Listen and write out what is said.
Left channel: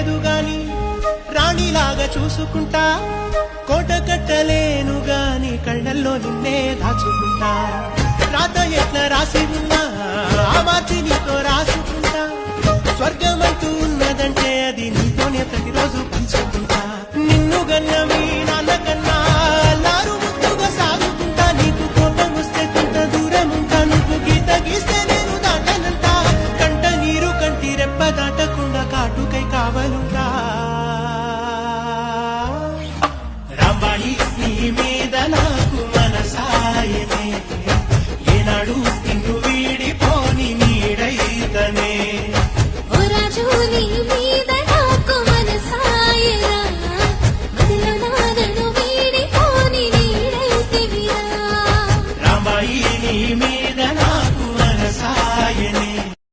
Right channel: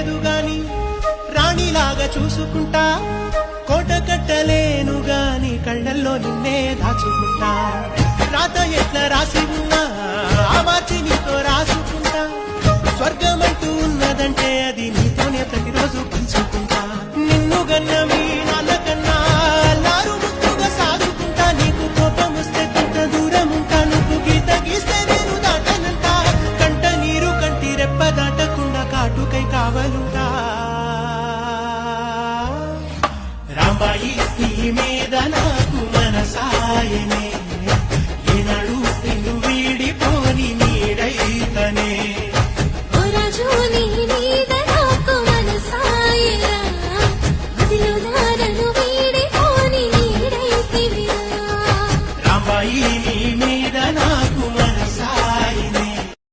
లేదు గాని రాణిలాగా చూసుకుంటా, కోట కట్టలేను గాని కళ్ళల్లో నిన్నే దాచుకుంటా. రాత ఎట్లా రాసి ఉన్నా ఆ మార్చి నీతో రాసుకుంటా, స్వర్గమంటూ ఉన్నదంటే అది నీతోనే ప్రతిరోజు పంచుకుంటా. నిన్ను గన్న